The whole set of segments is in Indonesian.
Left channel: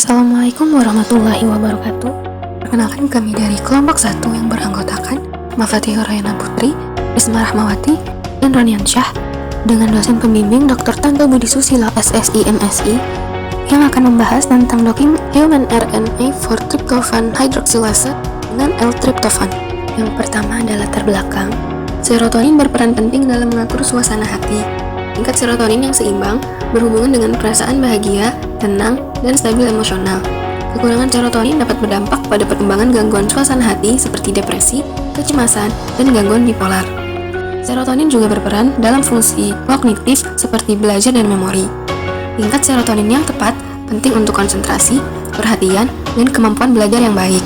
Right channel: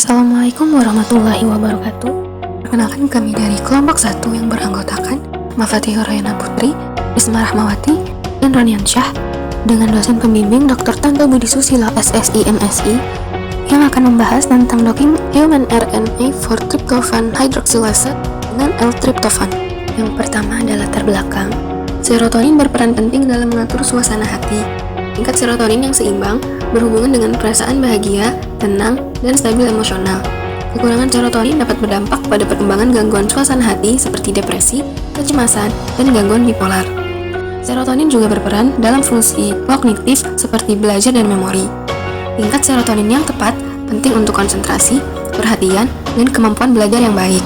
Assalamualaikum warahmatullahi wabarakatuh. Perkenalkan, kami dari kelompok 1 yang beranggotakan Mafatihur Rayana Putri, Risma Rahmawati, dan Ronian Syah, dengan dosen pembimbing Dr. Tanto Budi Susilo SSI MSI, yang akan membahas tentang docking human RNA for tryptophan hydroxylase dengan L-tryptophan. Yang pertama adalah latar belakang. Serotonin berperan penting dalam mengatur suasana hati. Tingkat serotonin yang seimbang berhubungan dengan perasaan bahagia, tenang, dan stabil emosional. Kekurangan serotonin dapat berdampak pada perkembangan gangguan suasana hati seperti depresi, kecemasan, dan gangguan bipolar. Serotonin juga berperan dalam fungsi kognitif seperti belajar dan memori. Tingkat serotonin yang tepat penting untuk konsentrasi, perhatian, dan kemampuan belajar yang baik.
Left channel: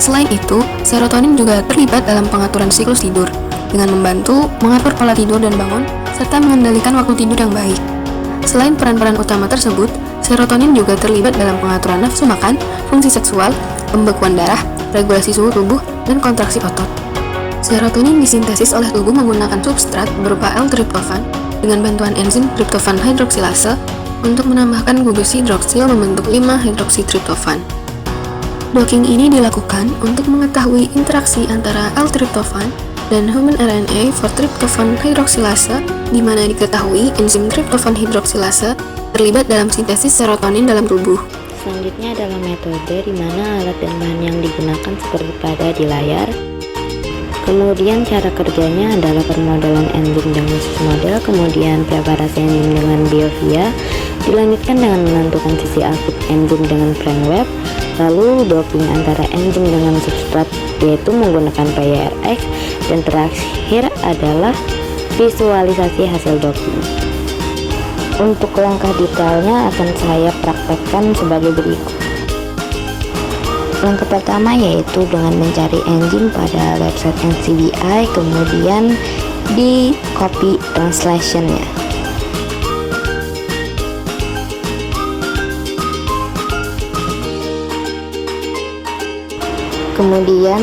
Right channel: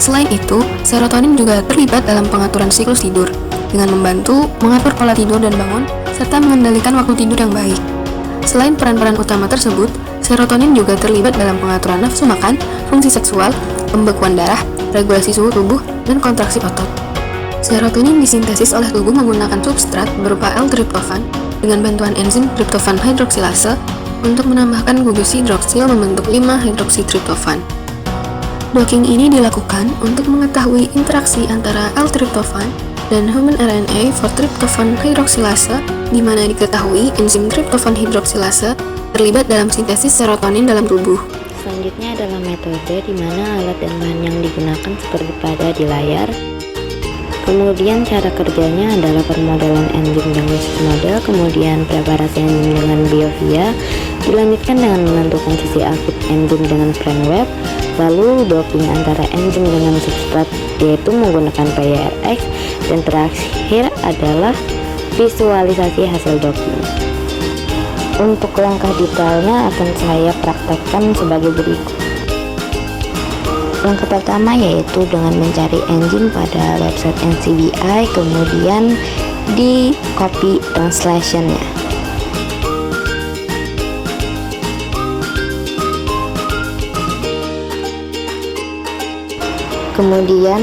Selain itu, serotonin juga terlibat dalam pengaturan siklus tidur, dengan membantu mengatur pola tidur dan bangun, serta mengendalikan waktu tidur yang baik. Selain peran-peran utama tersebut, serotonin juga terlibat dalam pengaturan nafsu makan, fungsi seksual, pembekuan darah, regulasi suhu tubuh, dan kontraksi otot. Serotonin disintesis oleh tubuh menggunakan substrat berupa L-tryptophan dengan bantuan enzim tryptophan hydroxylase untuk menambahkan gugus hidroksil membentuk 5-hydroksitryptophan. Docking ini dilakukan untuk mengetahui interaksi antara L-tryptophan dan human RNA for tryptophan hydroxylase, di mana diketahui enzim tryptophan hydroxylase terlibat dalam sintesis serotonin dalam tubuh. Selanjutnya adalah metode di mana alat dan bahan yang digunakan seperti pada di layar. Kemudian cara kerjanya adalah permodalan enzim dengan model, kemudian preparasi enzim dengan biofia, dilanjutkan dengan menentukan sisi aktif enzim dengan framework, lalu docking antara enzim dengan substrat yaitu menggunakan PRX, dan terakhir adalah visualisasi hasil docking. Untuk langkah detailnya akan saya praktekkan sebagai berikut. Langkah pertama yaitu dengan mencari enzim pada website NCBI, kemudian di copy translationnya. Kemudian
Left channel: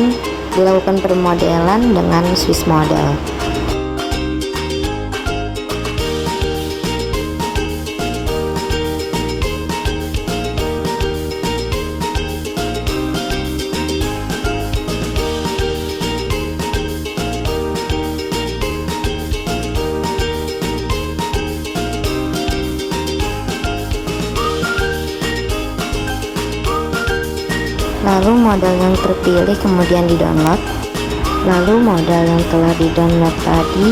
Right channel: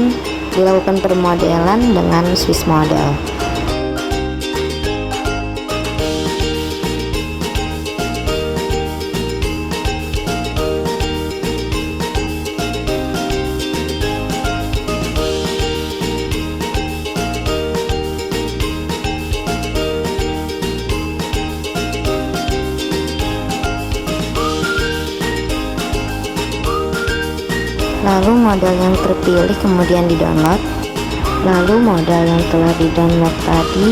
melakukan permodelan dengan Swiss model. Lalu modal yang terpilih kemudian di-download. Lalu modal yang telah di-download tadi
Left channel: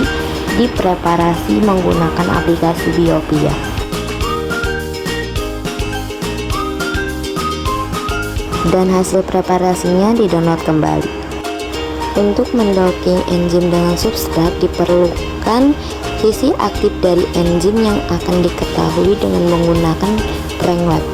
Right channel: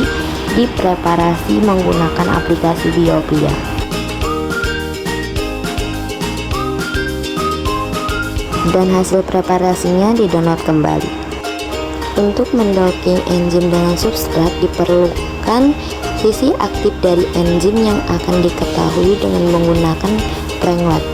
dipreparasi menggunakan aplikasi Biopia. Dan hasil preparasinya di-download kembali. Untuk mendocking enzim dengan substrat diperlukan sisi aktif dari enzim yang akan diketahui dengan menggunakan framework.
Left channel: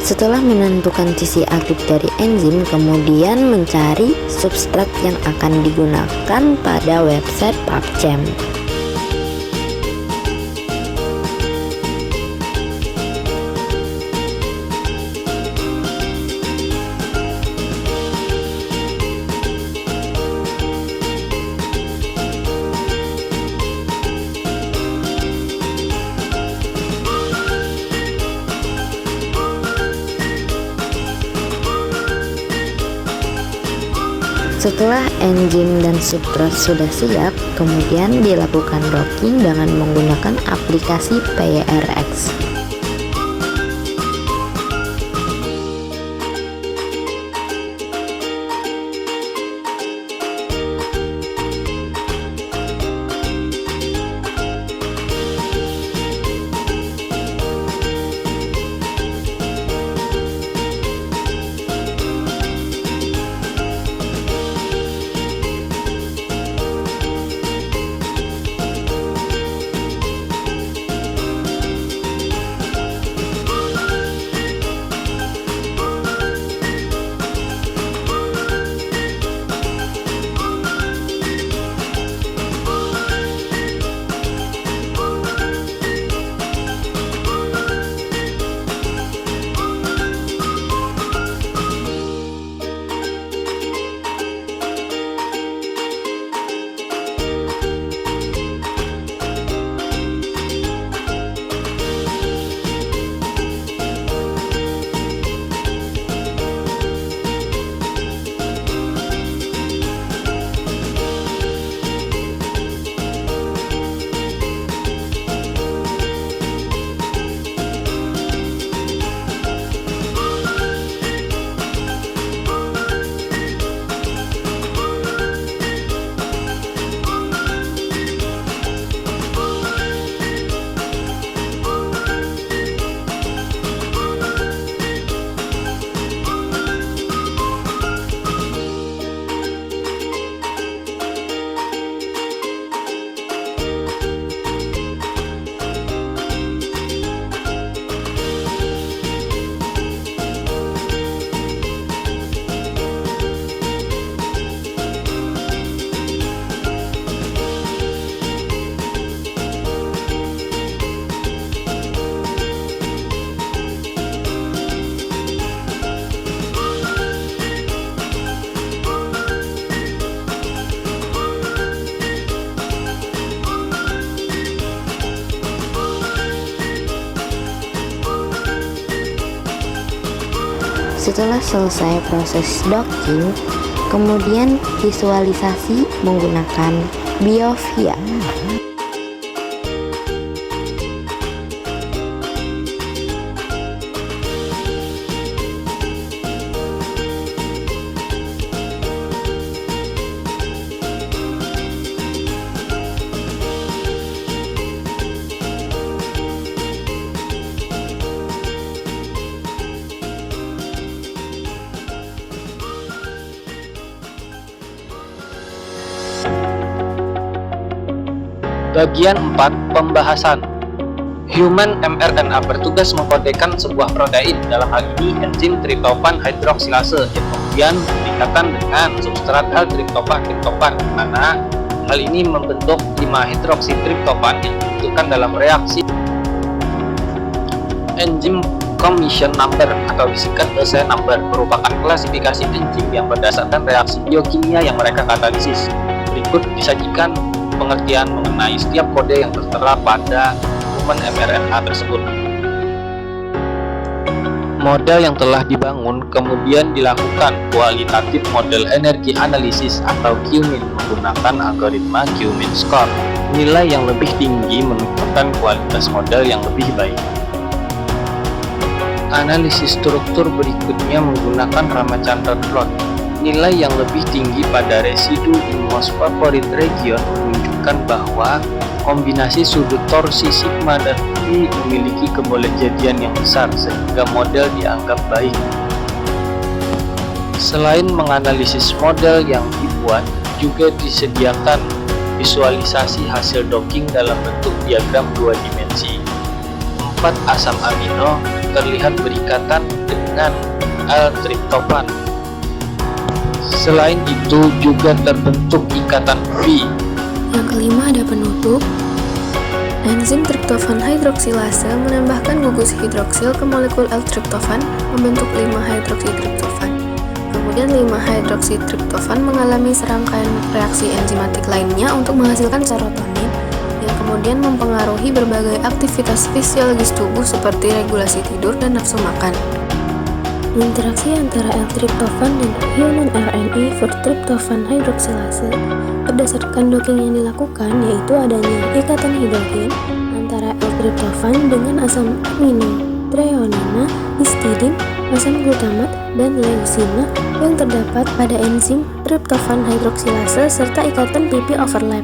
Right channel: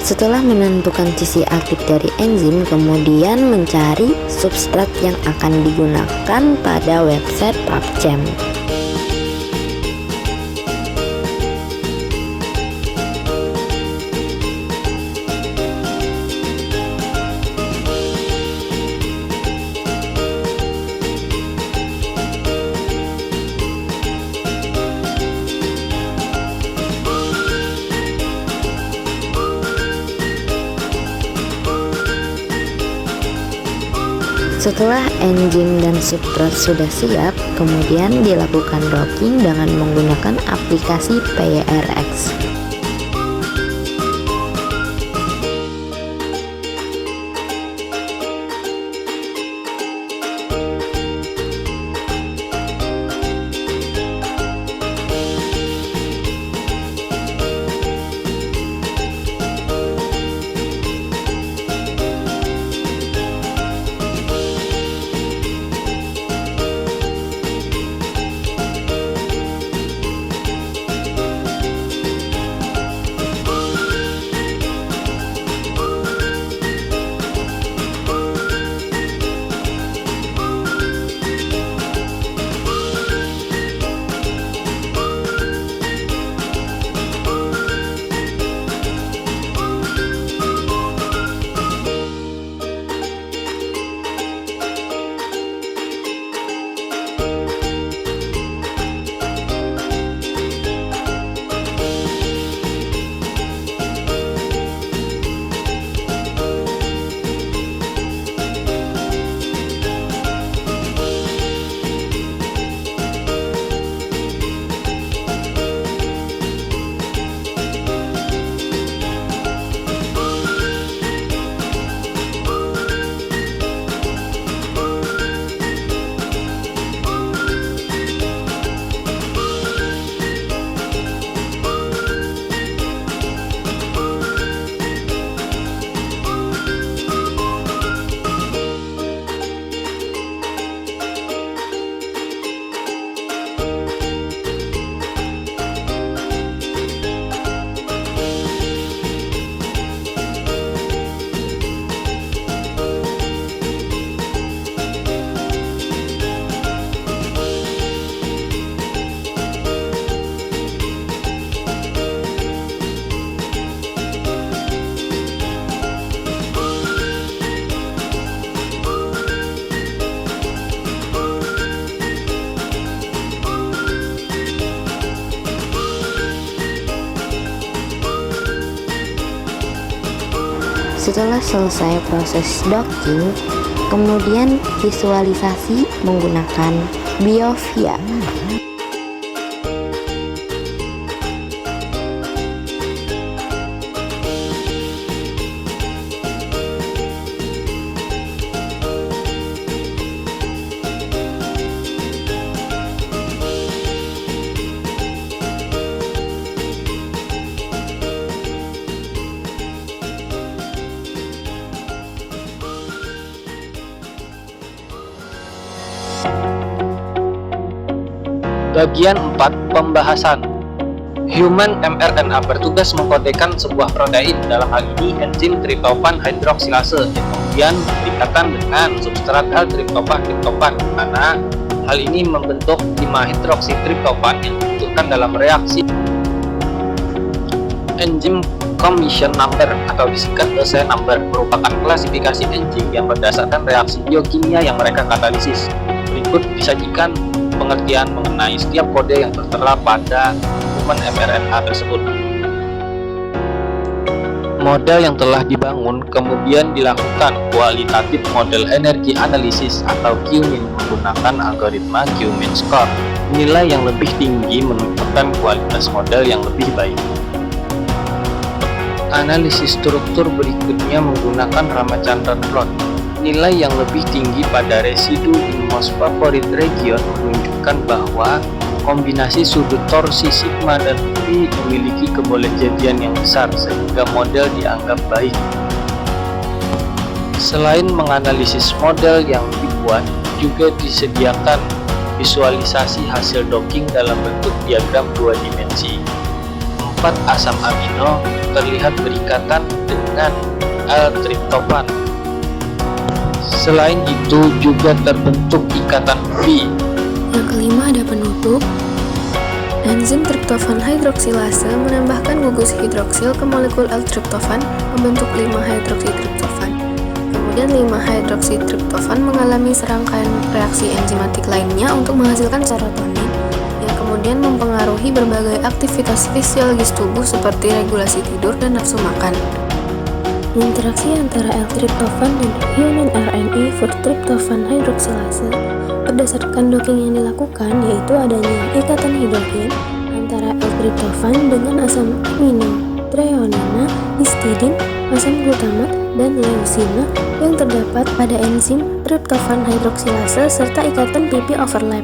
Setelah menentukan sisi aktif dari enzim, kemudian mencari substrat yang akan digunakan pada website PubChem. Setelah enzim dan substrat sudah siap, kemudian dilakukan docking dengan menggunakan aplikasi PRX. Setelah selesai proses docking, kemudian visualisasi menggunakan BioVia. Bagian 4. Pembahasan. Human mRNA bertugas mengkodekan sebuah protein, dalam hal ini enzim tryptophan hidroksilase, yang kemudian dikatakan dengan substrat L-tryptophan triptofan, di mana hal ini membentuk 5 hidroksitriptofan yang dibutuhkan dalam reaksi. Enzim Commission Number atau disingkat EC number merupakan klasifikasi enzim yang berdasarkan reaksi biokimia yang mereka katalisis. Berikut disajikan pengertian mengenai setiap kode yang tertera pada human mRNA tersebut. Model yang telah dibangun kemudian dilakukan kualitatif model energi analisis atau Q-min menggunakan algoritma Q-min score. Nilai yang lebih tinggi menentukan kualitas model yang lebih baik. Analisis struktur berikutnya menggunakan Ramachandran plot. Nilai yang lebih tinggi pada residu in most favorite region menunjukkan bahwa kombinasi sudut torsi sigma dan phi memiliki kebolehjadian yang besar sehingga model dianggap baik. Selain menganalisis model yang dibuat, juga disediakan visualisasi hasil docking dalam bentuk diagram 2 dimensi. 4 asam amino terlihat berikatan dengan L-tryptophan. Selain itu juga terbentuk ikatan phi. Yang kelima ada penutup. Enzim tryptophan hidroksilase menambahkan gugus hidroksil ke molekul L-tryptophan membentuk 5 hidroksitriptofan. Kemudian 5 hidroksitriptofan mengalami serangkaian reaksi enzimatik lainnya untuk menghasilkan serotonin yang kemudian mempengaruhi berbagai aktivitas fisiologis tubuh seperti regulasi tidur dan nafsu makan. Interaksi antara L-tryptophan dan human RNA for tryptophan hidroksilase berdasarkan docking yang dilakukan yaitu adanya ikatan hidrogen antara L-tryptophan dengan asam amino treonina, histidin, asam glutamat, dan leucina yang terdapat pada enzim tryptophan hidroksilase serta ikatan PP overlap.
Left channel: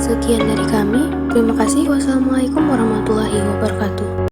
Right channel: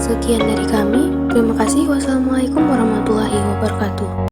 Sekian dari kami, terima kasih. Wassalamualaikum warahmatullahi wabarakatuh.